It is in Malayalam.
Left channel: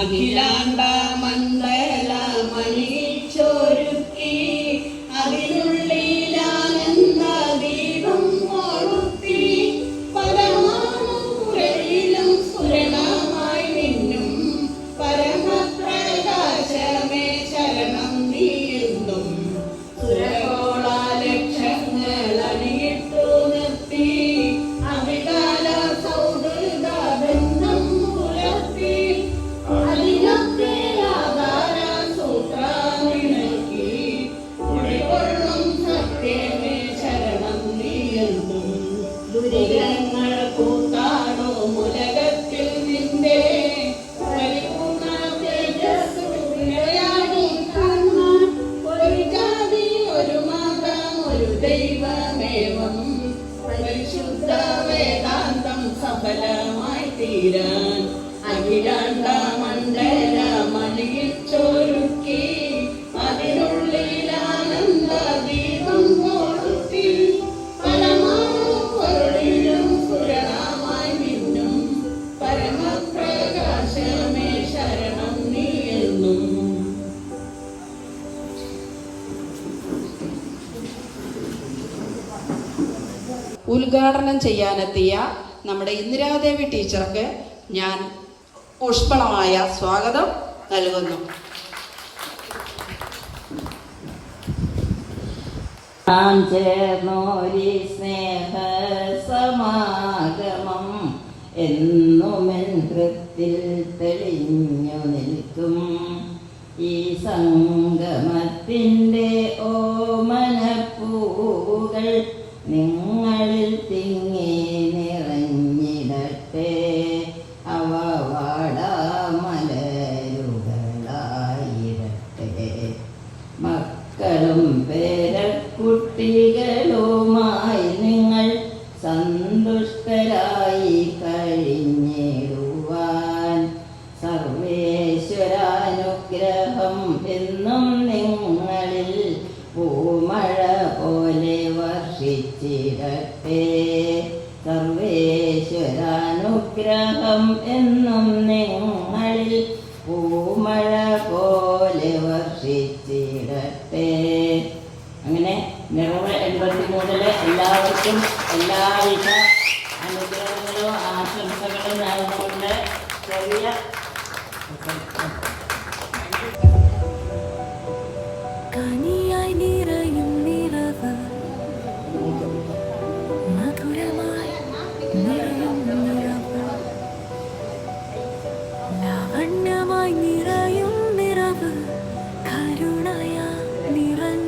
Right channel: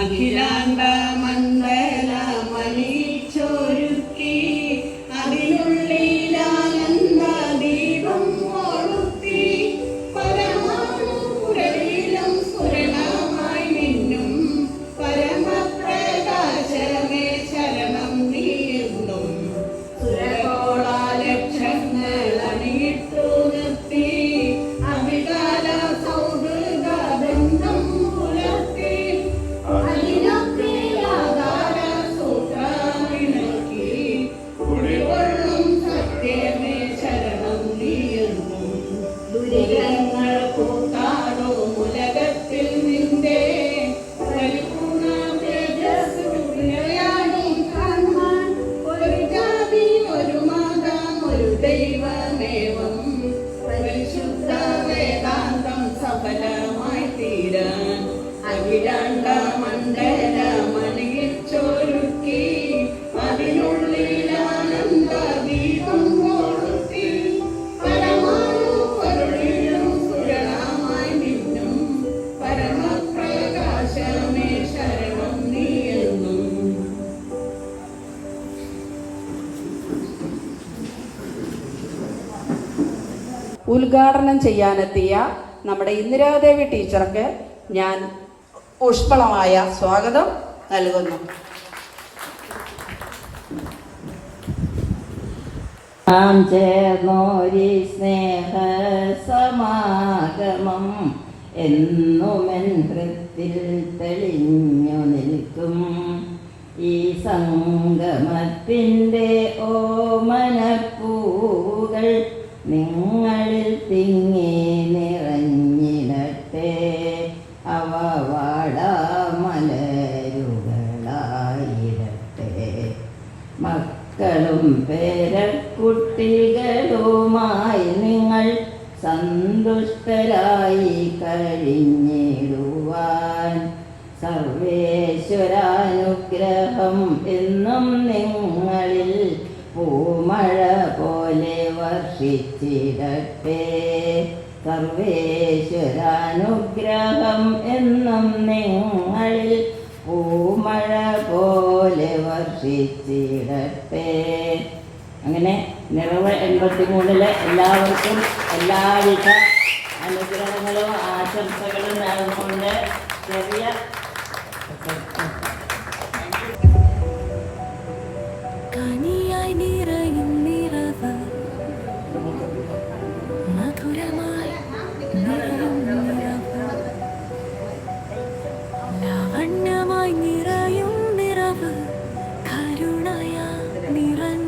അഖിലാണ്ട മണ്ഡല മണിച്ചൊരുക്കി അതിനുള്ളിലാനന്ദ ദീപം കൊളുത്തി പരമാണുരയിലും സുരണമായി മിന്നും പരമപ്രകാശമേ ശരണം നീയെന്നും സുരകോള ലക്ഷങ്ങൾ അണിയിട്ടു നിർത്തി അവികാല സൗഹൃദ ബന്ധം പുലർത്തി ദുരിതങ്ങൾ കൂട്ടാടോ ഉലകത്തിൽ നിന്റെ പരിപൂർണ തേജസ്സുയാടി കാണാൻ ഒരു ജാതി ഒരു മതം ഒരു ദൈവമേവം പരിശുദ്ധ വേദാന്തം സഫലമായി തീരാൻ അഖിലാണ്ട മണ്ഡല മണിയിൽ ചൊരുക്കി അതിനുള്ളിൽ ആനന്ദ ദീപം കൊളുത്തി പരമാണു പൊരുളിലും സുരണമായി മിന്നും പരമപ്രകാശമേ ശരണം നീയെന്നും. ഉദ്ഘാടനം ചെയ്യാനെത്തിയ നമ്മുടെ ഇന്ദിരാദേവി ടീച്ചർക്ക് ഞാൻ ഊഷ്മളമായ സ്വാഗതം നൽകുന്നു. ചേർന്നോരി സ്നേഹ സമാഗമം എന്നുമെൻ ഹൃത്തിൽ തെളിഞ്ഞു നിൽക്കും. ഈ സംഗമത്തിൻ്റെ ഓമനപ്പൂകൾ നിങ്ങളിൽ തിങ്ങി നിറഞ്ഞിടട്ടെ. അവ വാടാമലരുകളായിരട്ടെ. മക്കളും പേരക്കുട്ടികളുമായി നിങ്ങൾ സന്തുഷ്ടരായി കഴിഞ്ഞിടുവാൻ സർവേശ്വരാനുഗ്രഹം എന്നും നിങ്ങളിൽ പൂമഴ പോലെ വർഷിച്ചിടട്ടെ. സർവേശ്വരാനുഗ്രഹം എന്നും നിങ്ങളിൽ പൂമഴ പോലെ വർഷിച്ചിടട്ടെ. അങ്ങനെ നിറവ് 83-ലെ എല്ലാവർക്കും എല്ലാവിധ അനുഗ്രഹങ്ങളും ആശംസകളും നേർന്നുകൊണ്ട് ചെറിയ കനിയായി നിറയും നിറവ് മധുരമായി നിറയും നിറവ് ലാവണ്യമായി നിറയും നിറവ് കരുണയാ നിറഞ്ഞ